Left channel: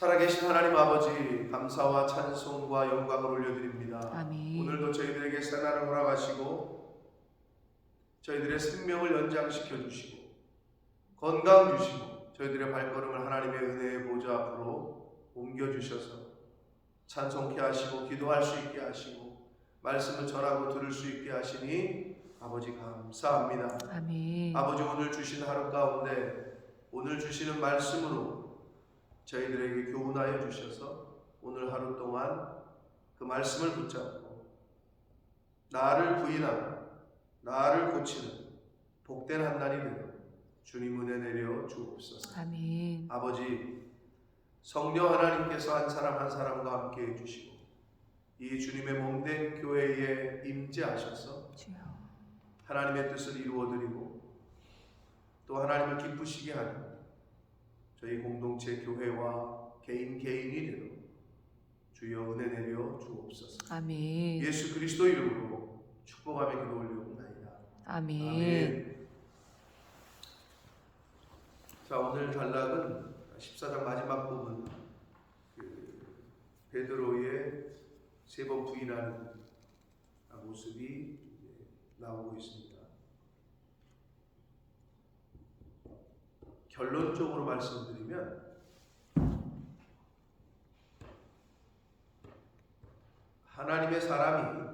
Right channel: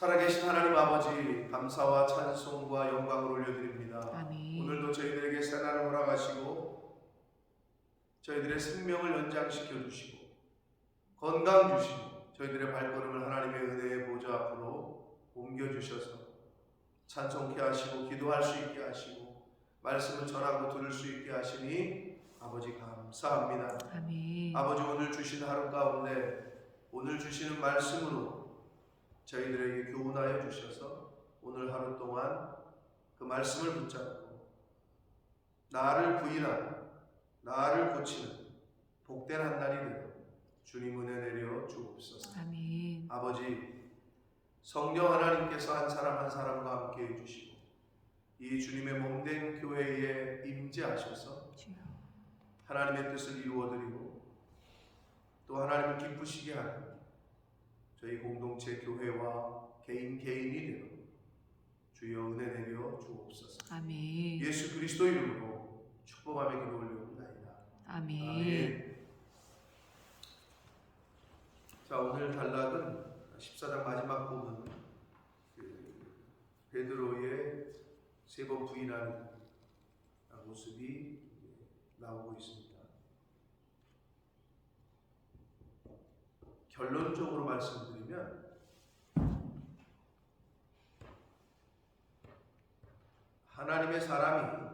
살아계신 하나님 아버지, 감사와 찬송과 영광을 올려드립니다. 아멘. 오늘도 저희들에게 새날을 허락하시고 저희들의 생명을 연장시켜 주시고 건강 주시고 저희들의 발걸음을 하나님의 은혜의 보좌 앞으로 옮겨주셔서 찬송케 하시고 기도할 수 있게 하시고 말씀을 전하고 들을 수 있게 하시니 아버지 감사합니다. 아멘. 아버지, 오늘 주신 하루 가운데 오늘 주시는 말씀으로 저희들에게 교훈하여 주셔서 오늘 하루 동안 그 말씀을 붙잡고 나를 부인하고 나를 고치는 복된 한날이 되도록 주님 은혜 내려 주옵소서. 아멘. 아버지, 성령 하나님께서 한 사람 한 사람과 함께 해주시고 이 주님의 몸된 교회에 임재하셔서 주여. 하나님의 뜻을 이루어드리고 또 하나님을 기쁘시게 하는 저희 공동체 교회와 개인이 되도록 주여 은혜 내려 주옵소서. 아멘. 예수 그리스도 이름으로 축복하며 기도 올려옵나이다. 아멘. 아멘. 자, 오늘 단락은 14장 마지막 부분, 베드로의 세 번 부인하는 모습이 나오고 있습니다. 결론적으로 말씀드리면 하나님의 사람이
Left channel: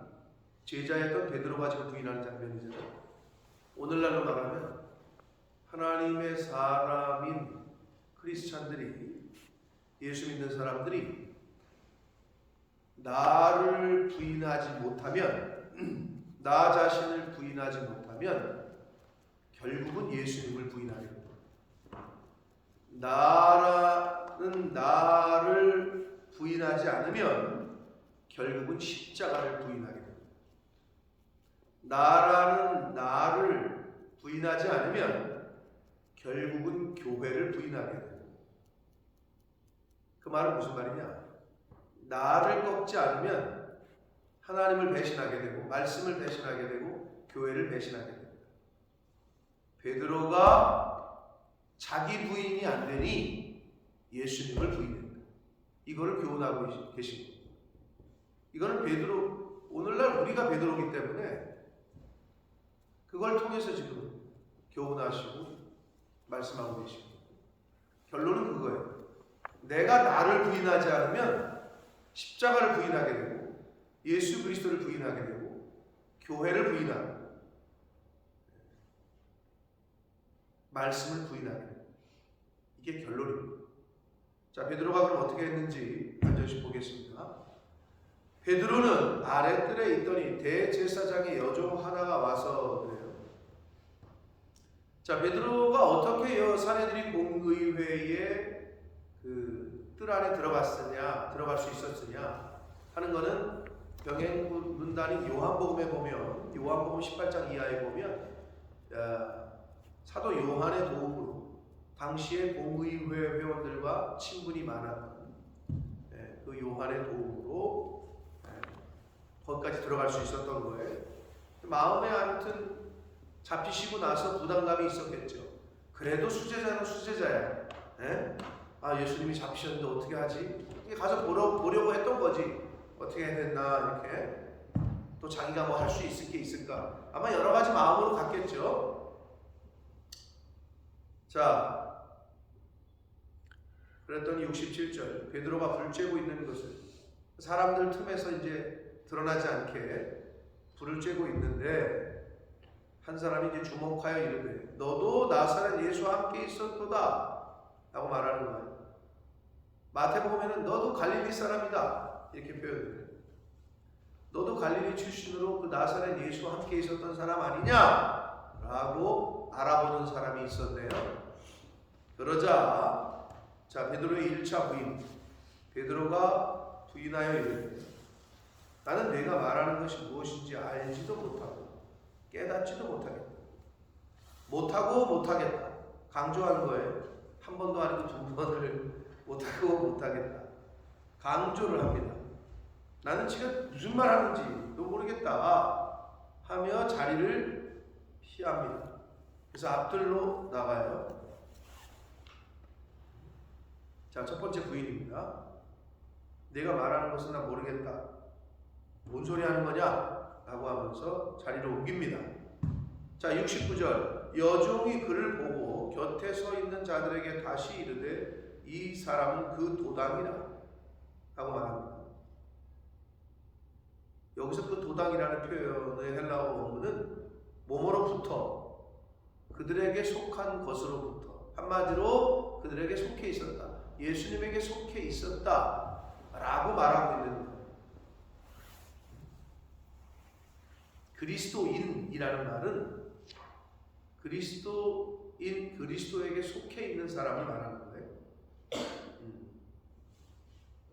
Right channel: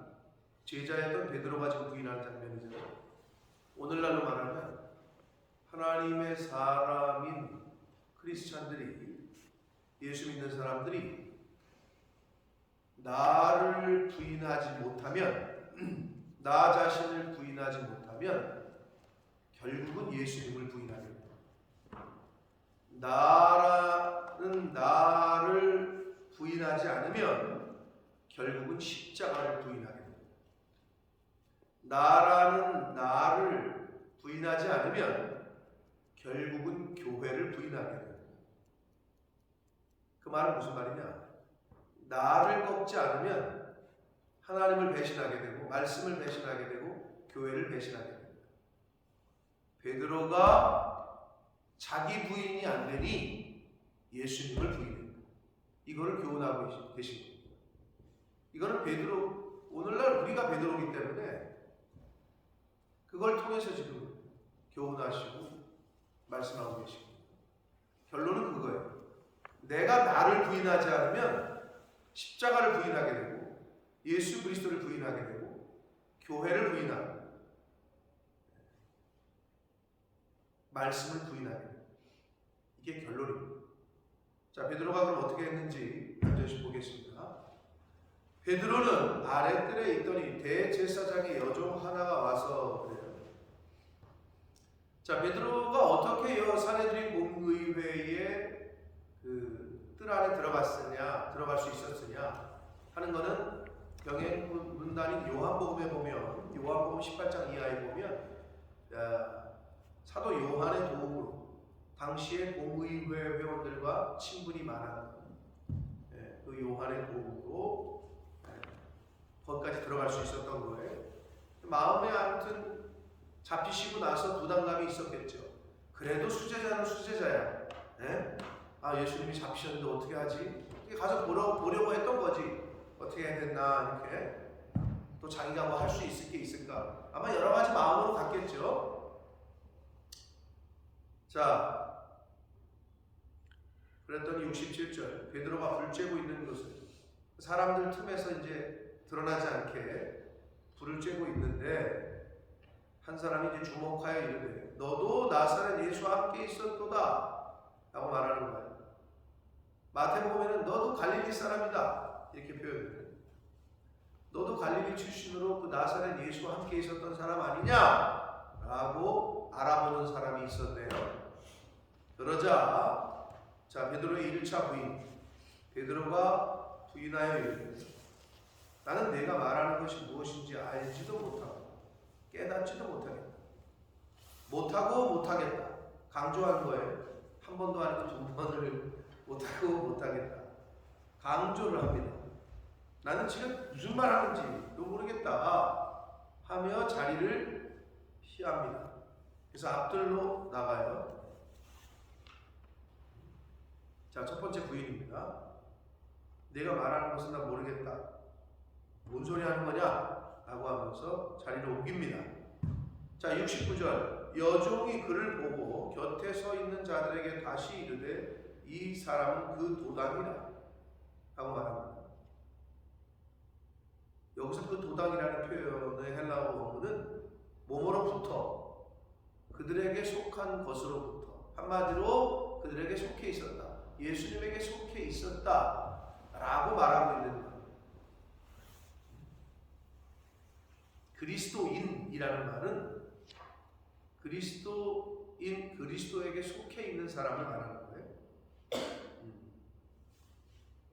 제자였던 베드로가 지금 부인하는 장면이잖아요. 오늘날로 말하면 하나님의 사람인 크리스찬들이, 예수 믿는 사람들이 나를 부인하지 못하면, 나 자신을 부인하지 못하면 결국은 예수님을 부인하게 됩니다. 나라는 나를 부인하지 않으면 결국은 십자가를 부인하게 됩니다. 나라는 나를 부인하지 않으면 결국은 교회를 부인하게 됩니다. 그 말은 무슨 말이냐? 나를 꺾지 않으면 하나님을 배신하게 되고 말씀을 배신하게 되고 교회를 배신하게 됩니다. 베드로가 자기 부인이 안 되니 예수님을 부인했다. 이거를 교훈하고 계신 겁니다. 이거는 베드로, 오늘날 우리가 베드로이기 때문에 그걸 통해서 지금 교훈하시고 말씀하고 계십니다. 결론은 그거예요. 내가 나를 부인하지 않으면 십자가를 부인하게 되고 예수 그리스도를 부인하게 되고 교회를 부인하고 말씀을 부인하게 됩니다. 이게 결론입니다. 자, 베드로가 그럼 어떻게 했는지 한 절씩 보겠습니다. 베드로는 아랫뜰에 있더니 대제사장의 여종 하나가 와서 그래요. 자, 베드로가 어떻게 사내들이 공의회에 그 뜰 안에 들어갈 수 있었으냐 하는 거는 병행 문단인 요한복음에 보면, 요한복음 18장 이하에 보면 사도 요한의 도움으로 당시에 공의회 회원들과 친분이 많았던 그 요한의 도움으로 거기까지 들어갈 수 있었던 거예요. 마음에 아무튼 잡히시고 나서 부담감이 있었겠죠. 그래도 수제자는 수제자야. 예수님이 잡히셨는데 어떻게 하지? 가서 보려고 했던 거지. 어떻게 해야 됐나 이렇게. 또 자기가 뭐 할 수 있을 게 있을까? 아마 여러 가지 마음으로 갔겠죠. 자, 그랬더니 67절 베드로가 불 쬐고 있는 것을 사람들 틈에서 이제 드러나지 않게 불을 쬐고 있는데 한 사람이 이제 주목하여 이르되 너도 나사렛 예수와 함께 있었도다 라고 말하는 거예요. 마태복음에는 너도 갈릴리 사람이다 이렇게 표현해요. 너도 갈릴리 출신으로 그 나사렛 예수와 함께 있었던 사람 아니냐 라고 알아보는 사람이 있었네요. 그러자 자, 베드로의 1차 부인, 베드로가 부인하여 이르되 나는 내가 말하는 것이 무엇인지 알지도 못하고 깨닫지도 못하겠다. 못하겠다. 강조한 거예요. 한 번도 아니고 두 번을 못하겠다. 강조를 합니다. 나는 지금 무슨 말 하는지도 모르겠다 하며 자리를 피합니다. 그래서 앞들로 나가요. 자, 첫 번째 부인입니다. 내가 말하는 것은 나 모르겠다. 뭔 소리 하는 거냐? 라고 하면서 자리를 옮깁니다. 자, 69절. 여종이 그를 보고 곁에 서 있는 자들에게 다시 이르되 이 사람은 그 도당이라 라고 말합니다. 여기서 그 도당이라는 표현의 헬라어 원문은 뭐뭐로부터, 그들에게 속한 것으로부터, 한마디로 그들에게 속해 있었다, 예수님에게 속해 있었다 라고 말하고 있는 거예요. 그리스도인이라는 말은 그리스도에게 속해 있는 사람을 말하는 거예요.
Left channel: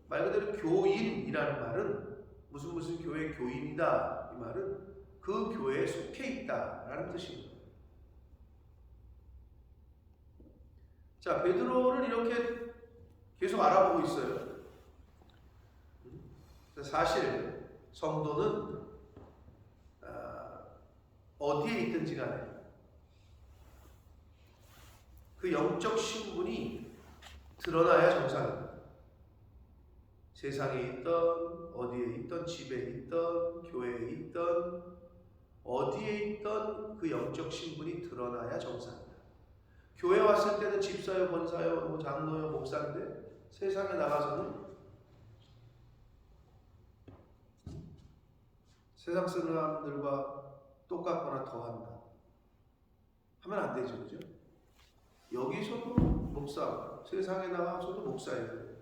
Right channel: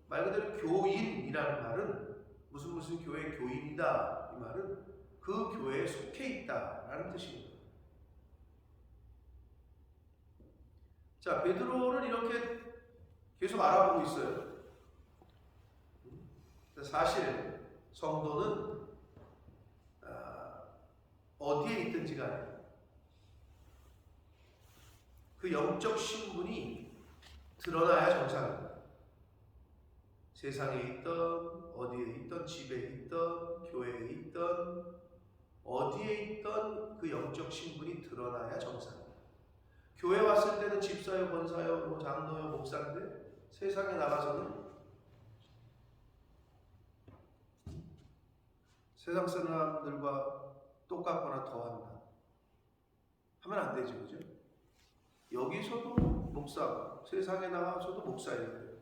말 그대로 교인이라는 말은 무슨 교회 교인이다, 이 말은 그 교회에 속해 있다라는 뜻인 거예요. 자, 베드로를 이렇게 계속 알아보고 있어요. 사실 성도는 어디에 있든지 간에 그 영적 신분이 드러나야 정상입니다. 세상에 있던, 어디에 있던, 집에 있던, 교회에 있던, 어디에 있던 그 영적 신분이 드러나야 정상입니다. 교회 왔을 때는 집사요, 권사요, 장로요, 목사인데 세상에 나가서는 세상 사람들과 똑같거나 더한다 하면 안 되죠, 그죠? 여기서도 목사고 세상에 나가서도 목사예요.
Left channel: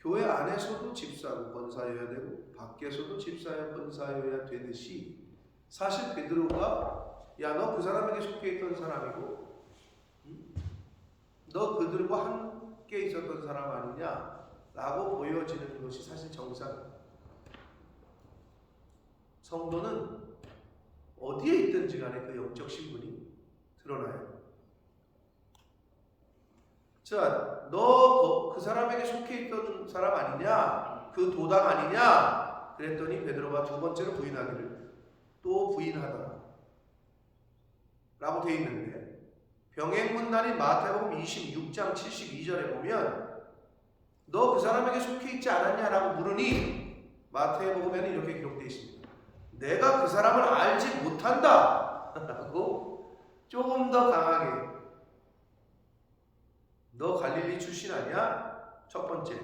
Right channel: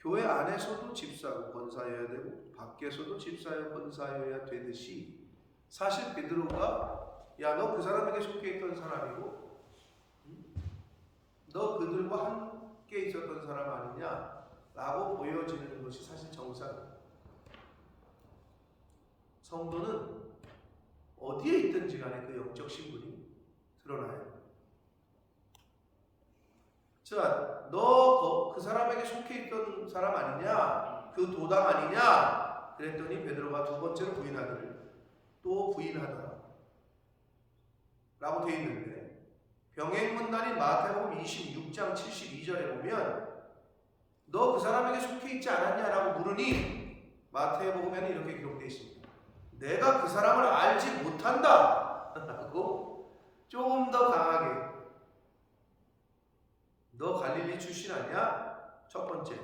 교회 안에서도 집사고 권사여야 되고 밖에서도 집사여 권사여야 되듯이, 사실 베드로가 야, 너 그 사람에게 속해 있던 사람이고 너 그들과 함께 있었던 사람 아니냐 라고 보여지는 것이 사실 정상입니다. 성도는 어디에 있든지 간에 그 영적 신분이 드러나야 돼요. 자, 너 그 사람에게 속해 있던 사람 아니냐? 그 도당 아니냐? 그랬더니 베드로가 두 번째로 부인하기를 또 부인하더라 라고 되어 있는데, 병행문단인 마태복음 26장 72절에 보면 너 그 사람에게 속해 있지 않았냐라고 물으니 마태복음에는 이렇게 기록되어 있습니다. 내가 그 사람을 알지 못한다 라고 조금 더 강하게, 너 갈릴리 출신 아니야? 첫 번째,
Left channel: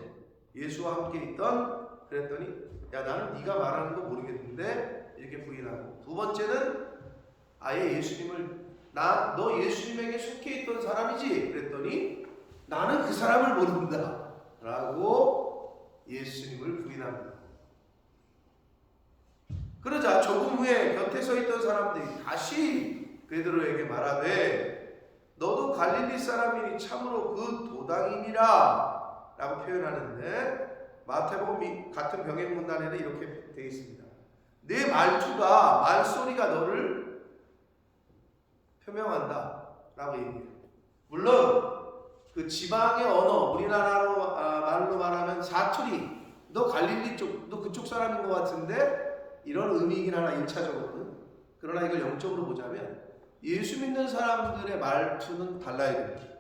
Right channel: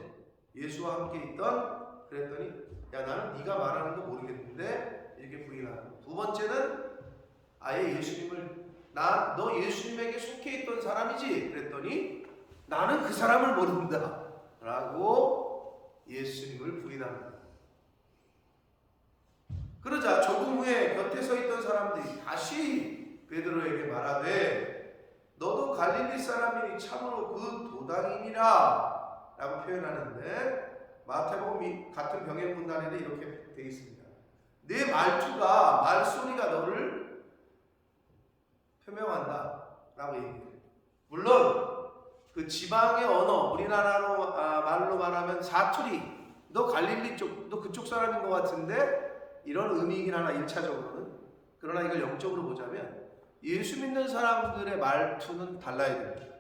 예수와 함께 있던, 그랬더니 야, 나는 네가 말하는 거 모르겠는데 이렇게 부인하고, 두 번째는 아예 예수님을, 너 예수님에게 속해 있던 사람이지? 그랬더니 나는 그 사람을 모른다 라고 예수님을 부인합니다. 그러자 조금 후에 곁에 서 있던 사람들이 다시 베드로에게 말하되 너도 갈릴리 사람이니 참으로 그 도당이니라 라고 표현하는데, 마태복음 같은 병행문단에는 이렇게 되어 있습니다. 내 말투가, 말소리가 너를 표명한다 라고 얘기해요. 물론 그 지방의 언어, 우리나라로 말로 말하면 사투리, 너 갈릴리 쪽, 너 그쪽 사람인 것 같은데 이런 의미이긴 하나 1차적으로는. 그러나 이걸 영적으로 보자면 예수 믿는 사람들의 말투는 달라야 됩니다.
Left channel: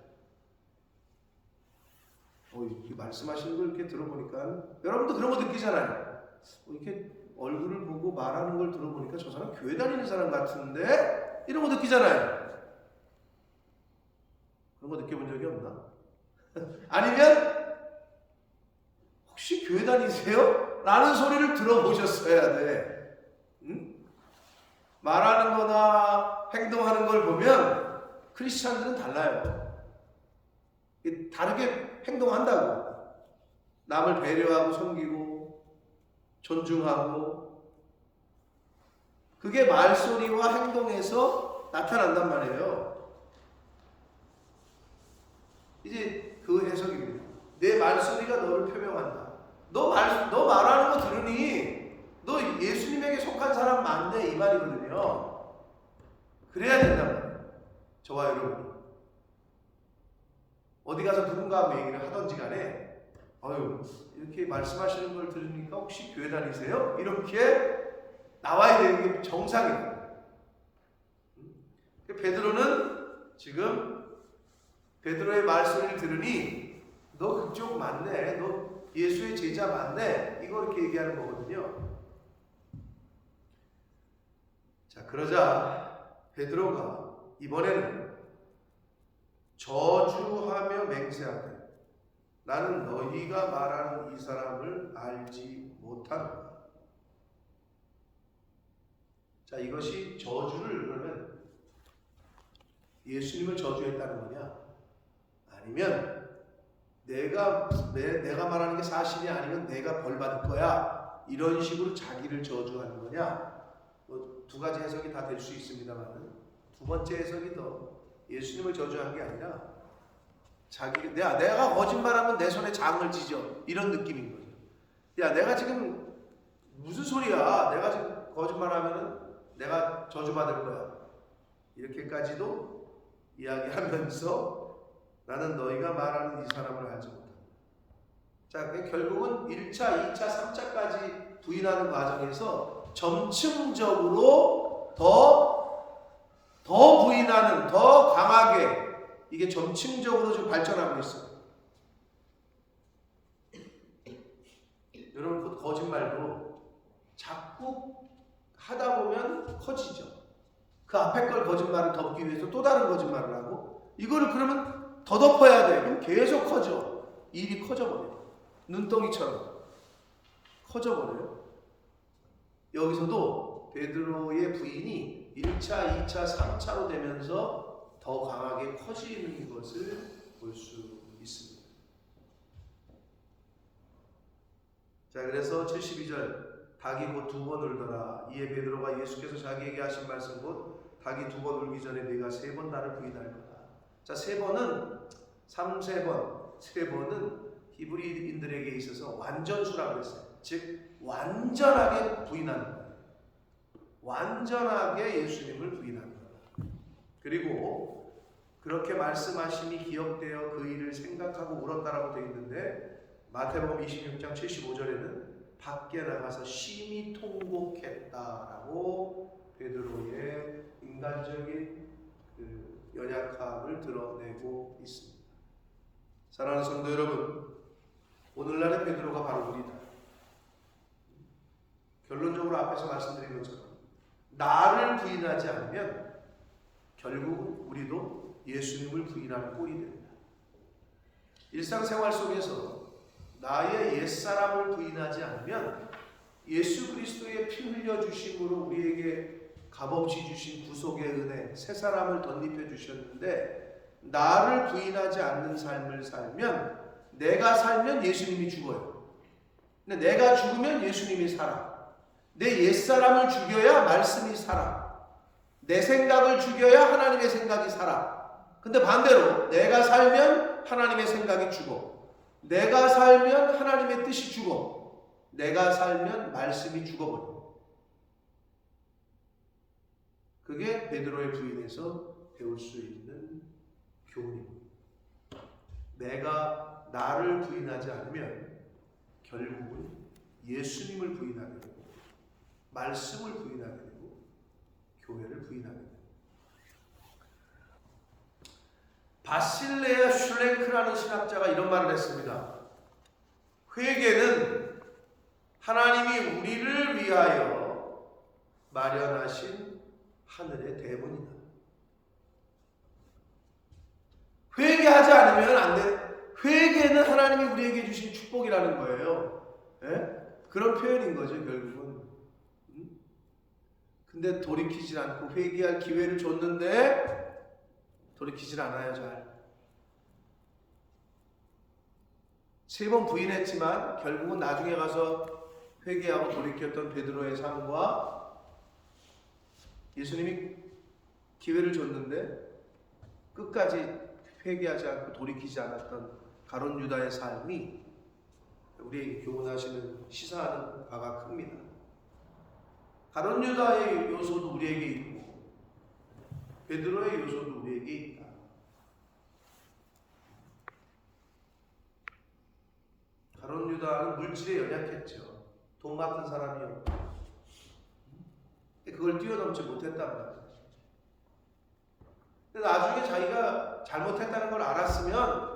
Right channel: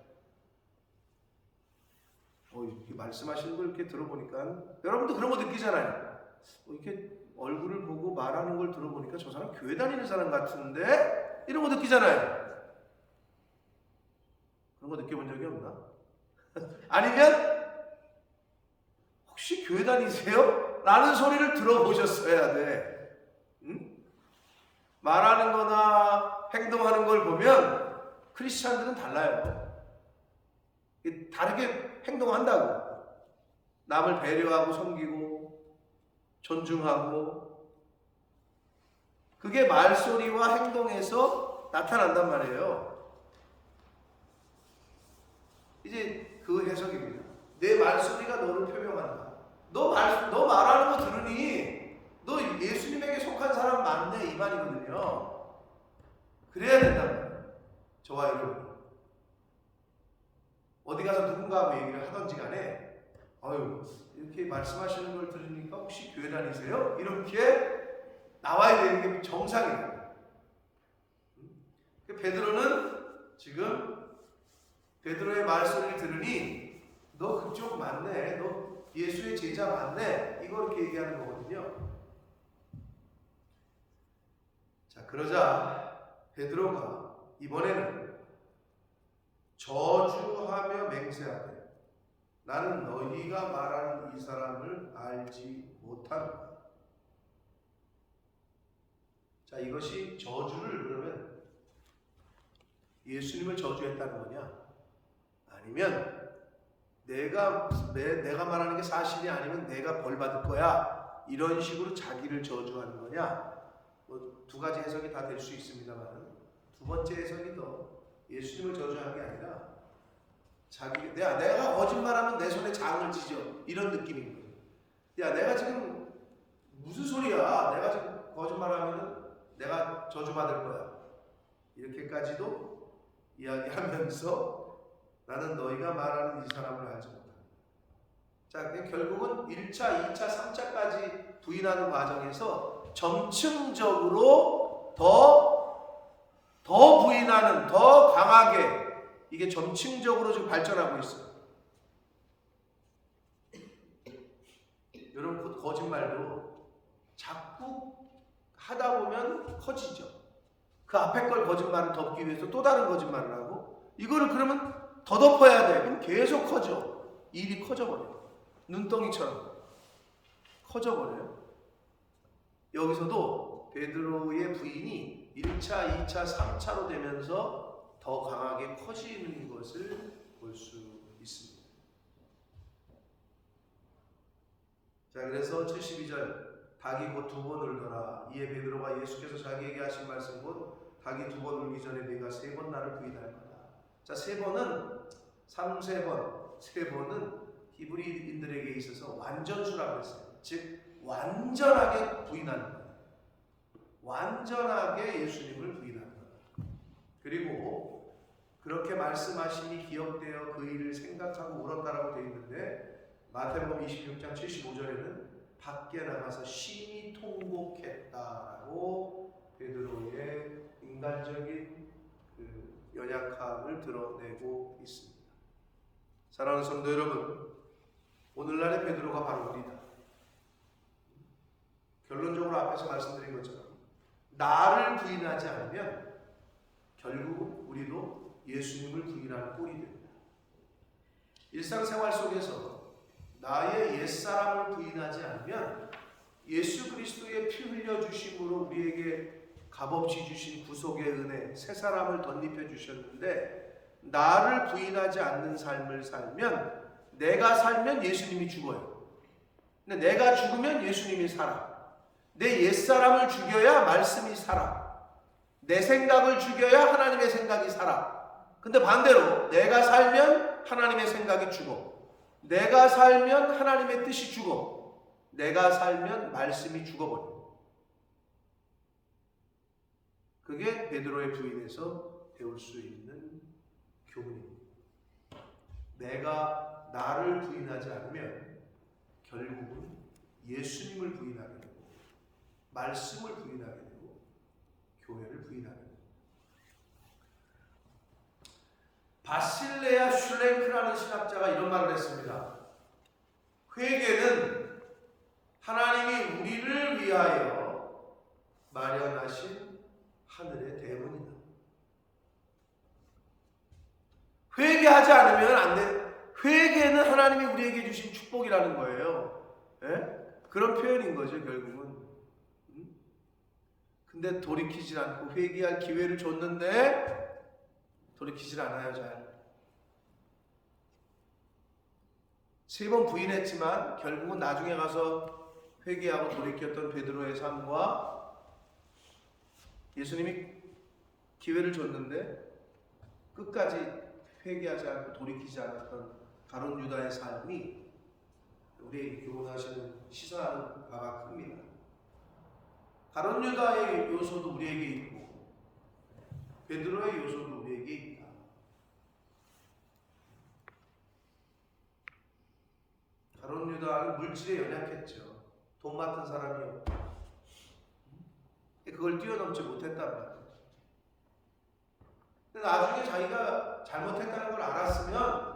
이렇게 말씀하시는 걸 이렇게 들어보니까 여러분도 그런 거 느끼잖아요. 이렇게 얼굴을 보고 말하는 걸 들어보니까 저 사람 교회 다니는 사람 같은데, 이런 거 느끼잖아요. 그런 거 느껴본 적이 없나? 아니면 혹시 교회 다니세요? 라는 소리를 들어보셨어야 돼. 응? 말하는 거나 행동하는 걸 보면 크리스찬들은 달라요. 다르게 행동한다고. 남을 배려하고 섬기고 존중하고, 그게 말소리와 행동에서 나타난단 말이에요. 이제 그 해석입니다. 내 말소리가 너를 표명한다. 너 말하는 거 들으니 너 예수님에게 속한 사람 맞네, 이 말이거든요. 그래야 된단 말이에요. 저와 여러분이 어디 가서 누군가하고 얘기를 하던지 간에 이렇게 말씀하시는 걸 들으니까 혹시 교회 다니세요? 이렇게 나와야 되는 게 정상이에요. 베드로는 지금 베드로의 말소리를 들으니 너 그쪽 맞네. 너 예수의 제자 맞네. 이거 이렇게 얘기하는 거거든요. 자, 그러자 베드로가 이번에는 저주하며 맹세하되 나는 너희가 말하는 이 사람을 알지 못하노라. 자, 이것이 저주를 그러면 예수님을 저주했다는 거냐? 아니면 내가 말하는 게 사실이 아니면 내가 벌 받을 거야. 이런 식으로 자기를 저주하는 거냐? 뭐 두 가지 해석이 다 될 수 있습니다만 두 번째 해석이 더 예수님을 저주한 게 아니라 내가 거짓말하면 내 손에 장을 지져 이런 느낌인 거죠. 야, 내가 지금 무슨 소리야? 내가 지금 거짓말하면은 내가 저주받을 거야. 이렇게까지도 이야기하면서 나는 너희가 말하는 이 사람을 알지 못한다. 자, 결국은 1차, 2차, 3차까지 부인하는 과정에서 점층적으로 더 부인하는, 더 강하게 이게 점층적으로 지금 발전하고 있어요. 여러분, 거짓말도 자꾸 하다 보면 커지죠. 그 앞에 걸 거짓말을 덮기 위해서 또 다른 거짓말을 하고 이거를 그러면 더 덮어야 돼. 그럼 계속 커져. 일이 커져버려요. 눈덩이처럼 커져버려요. 여기서도 베드로의 부인이 1차, 2차, 3차로 되면서 더 강하게 커지는 것을 볼 수 있습니다. 자, 그래서 72절 닭이 곧 두 번 울더라. 이에 베드로가 예수께서 자기에게 하신 말씀 곧 닭이 두 번 울기 전에 네가 세 번 나를 부인할 거다. 자, 세 번은 3세번, 세 번은 히브리인들에게 있어서 완전수라고 그랬어요. 즉 완전하게 부인하는 거예요. 완전하게 예수님을 부인하는 거예요. 그리고 그렇게 말씀하심이 기억되어 그 일을 생각하고 울었다라고 되어 있는데 마태복음 26장 75절에는 밖에 나가서 심히 통곡했다라고 베드로의 인간적인 그 연약함을 드러내고 있습니다. 사랑하는 성도 여러분, 오늘날의 베드로가 바로 우리다. 결론적으로 앞에서 말씀드린 것처럼 나를 부인하지 않으면 결국 우리도 예수님을 부인하는 꼴이 됩니다. 일상생활 속에서 나의 옛사람을 부인하지 않으면 예수 그리스도의 피 흘려주심으로 우리에게 값없이 주신 구속의 은혜, 새 사람을 덧입혀 주셨는데 나를 부인하지 않는 삶을 살면 내가 살면 예수님이 죽어요. 근데 내가 죽으면 예수님이 살아. 내 옛사람을 죽여야 말씀이 살아. 내 생각을 죽여야 하나님의 생각이 살아. 근데 반대로 내가 살면 하나님의 생각이 죽어. 내가 살면 하나님의 뜻이 죽어. 내가 살면 말씀이 죽어버려. 그게 베드로의 부인에서 배울 수 있는 교훈입니다. 내가 나를 부인하지 않으면 결국은 예수님을 부인하게 되고 말씀을 부인하게 되고 교회를 부인하게 됩니다. 바실레아 슐랭크라는 신학자가 이런 말을 했습니다. 회개는 하나님이 우리를 위하여 마련하신 하늘의 대문이다. 회개하지 않으면 안 돼. 회개는 하나님이 우리에게 주신 축복이라는 거예요. 예? 그런 표현인 거죠, 결국은. 근데 돌이키질 않고 회개할 기회를 줬는데 돌이키질 않아요, 잘. 3번 부인했지만 결국은 나중에 가서 회개하고 돌이켰던 베드로의 삶과 예수님이 기회를 줬는데 끝까지 회개하지 않고 돌이키지 않았던 가룟 유다의 삶이 우리에게 교훈하시는 시사하는 바가 큽니다. 가룟 유다의 요소도 우리에게 있고 베드로의 요소도 우리에게 있다. 가룟 유다는 물질에 연약했죠. 돈 많은 사람이었고 그걸 뛰어넘지 못했단 말이에요. 근데 나중에 자기가 잘못했다는 걸 알았으면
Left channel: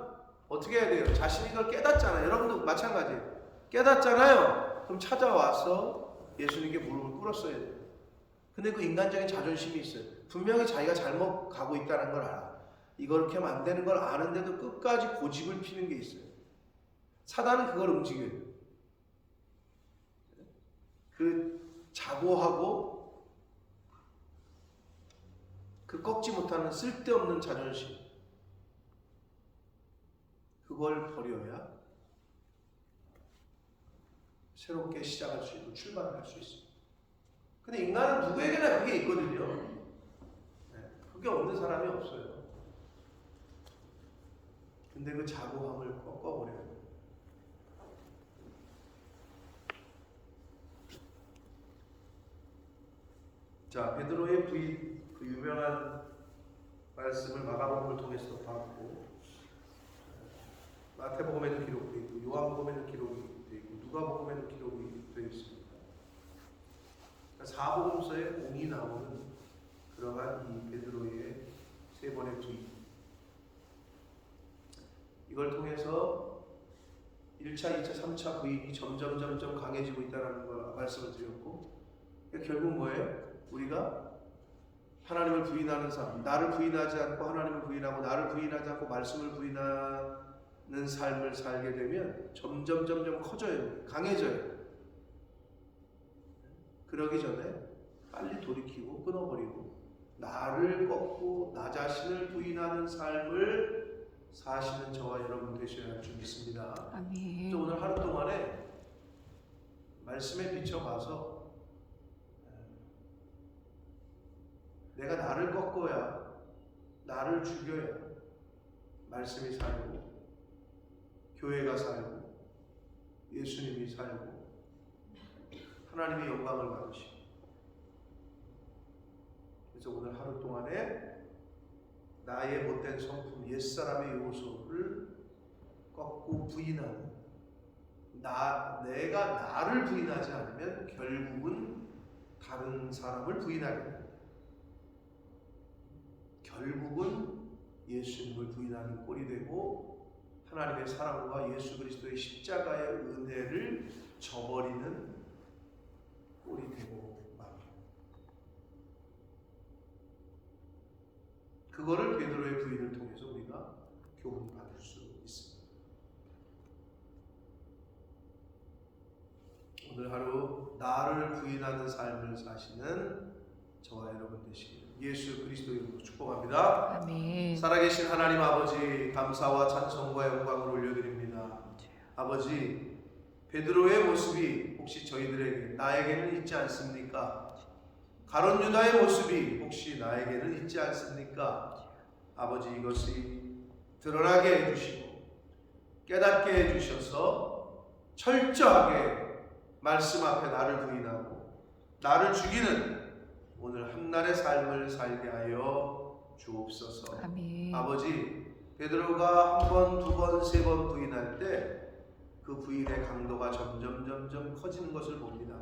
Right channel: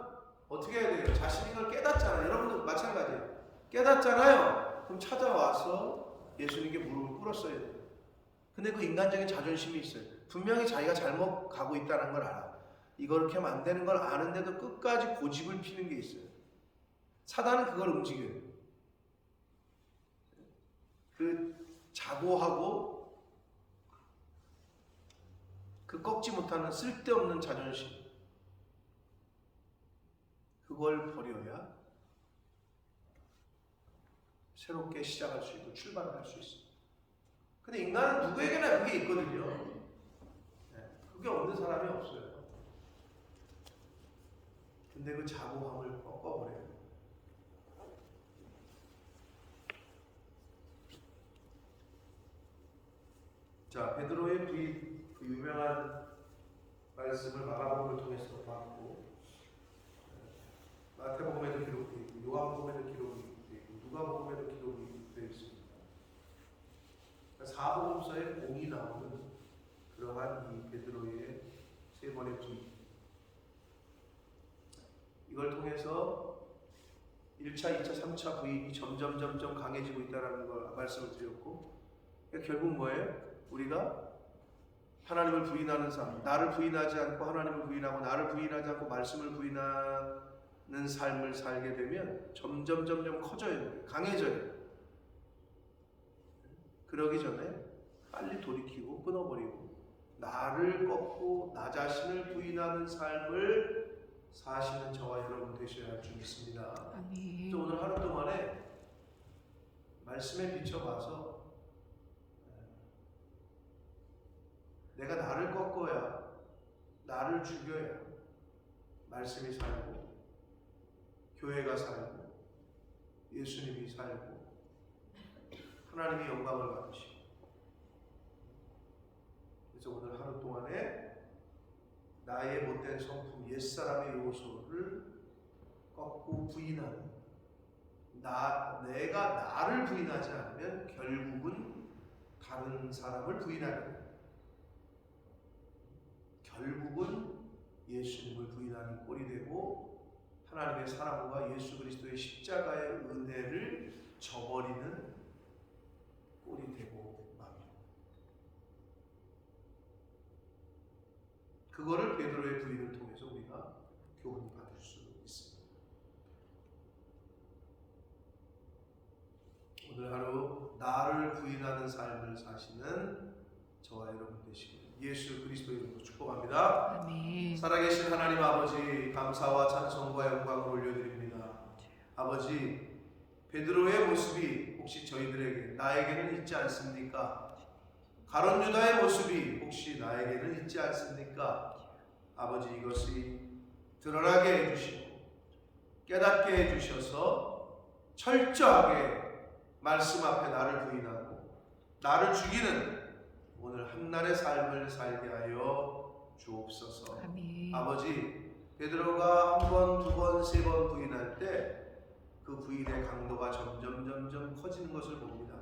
어떻게 해야 돼요? 자신이 이걸 깨닫잖아요. 여러분도 마찬가지예요. 깨닫잖아요. 그럼 찾아와서 예수님께 무릎을 꿇었어야 돼요. 근데 그 인간적인 자존심이 있어요. 분명히 자기가 잘못 가고 있다는 걸 알아. 이렇게 하면 안 되는 걸 아는데도 끝까지 고집을 피는 게 있어요. 사단은 그걸 움직여요. 그 자고하고 그 꺾지 못하는 쓸데없는 자존심, 그걸 버려야 새롭게 시작할 수 있고 출발을 할 수 있어요. 근데 인간은 누구에게나 그게 있거든요. 그게 없는 사람이 없어요. 근데 그 자고함을 꺾어버려야 돼요. 자, 베드로의 부인, 그 유명한 말씀을 마가복음을 통해서 봤고, 마태복음에도 기록되어 있고, 요한복음에도 기록이 되어 있고, 누가복음에도 기록이 되어 있습니다. 사복음서에 공이 나오는 그러한 이 베드로의 세 번의 부인, 이걸 통해서 1차, 2차, 3차 부인이 점점 강해지고 있다는 걸 말씀을 드렸고, 결국 뭐예요? 우리가 하나님을 부인하는 삶, 나를 부인하지 않고 하나님을 부인하고 나를 부인하지 않고 말씀을 부인하는 삶을 살게 되면 점점 커져요. 강해져요. 그러기 전에 빨리 돌이키고 끊어버리고 나를 꺾고 나 자신을 부인하는 삶을 사시는 저와 여러분 되셔야 할 줄 믿습니다. 아멘. 오늘 하루 동안에 말씀에 비춰봐서 내가 나를 꺾어야, 나를 죽여야 말씀이 살고 교회가 살고 예수님이 살고 하나님이 영광을 받으시고, 그래서 오늘 하루 동안에 나의 못된 성품, 옛사람의 요소를 꺾고 부인하는, 내가 나를 부인하지 않으면 결국은 다른 사람을 부인하게 됩니다. 결국은 예수님을 부인하는 꼴이 되고 하나님의 사랑과 예수 그리스도의 십자가의 은혜를 저버리는 꼴이 되고 맙니다. 그거를 베드로의 부인을 통해서 우리가 교훈 받을 수 있습니다. 오늘 하루 나를 부인하는 삶을 사시는 저와 여러분 되시길 예수 그리스도 이름으로 축복합니다. 아멘. 살아계신 하나님 아버지, 감사와 찬송과 영광을 올려드립니다. 아버지, 베드로의 모습이 혹시 저희들에게, 나에게는 있지 않습니까? 가룟 유다의 모습이 혹시 나에게는 있지 않습니까? 아버지, 이것이 드러나게 해주시고 깨닫게 해주셔서 철저하게 말씀 앞에 나를 부인하고 나를 죽이는 오늘 한날의 삶을 살게 하여 주옵소서. 아멘. 아버지, 베드로가 한 번, 두 번, 세 번 부인할 때 그 부인의 강도가 점점 커지는 것을 봅니다.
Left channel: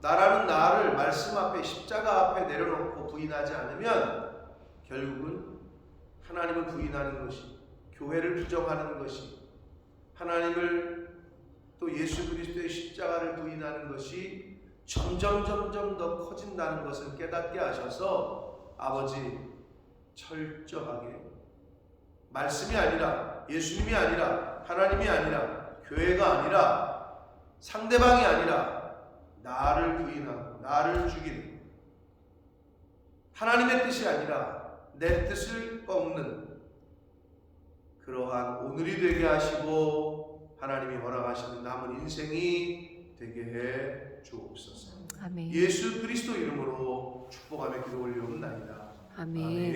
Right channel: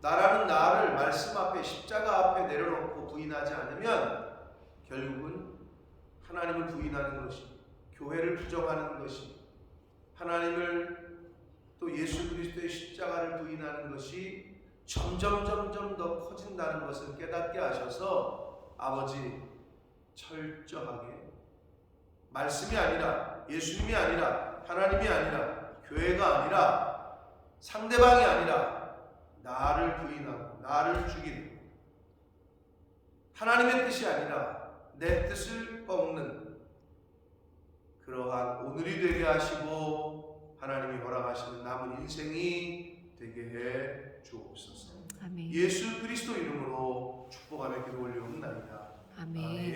나라는 나를 말씀 앞에, 십자가 앞에 내려놓고 부인하지 않으면 결국은 하나님을 부인하는 것이, 교회를 부정하는 것이, 하나님을 또 예수 그리스도의 십자가를 부인하는 것이 점점 더 커진다는 것을 깨닫게 하셔서 아버지, 철저하게 말씀이 아니라, 예수님이 아니라, 하나님이 아니라, 교회가 아니라, 상대방이 아니라 나를 부인하고 나를 죽이는, 하나님의 뜻이 아니라 내 뜻을 꺾는 그러한 오늘이 되게 하시고 하나님이 허락하시는 남은 인생이 되게 해 주옵소서. 아멘. 예수 그리스도 이름으로 축복하며 기도 올리옵나이다. 아멘. 아멘.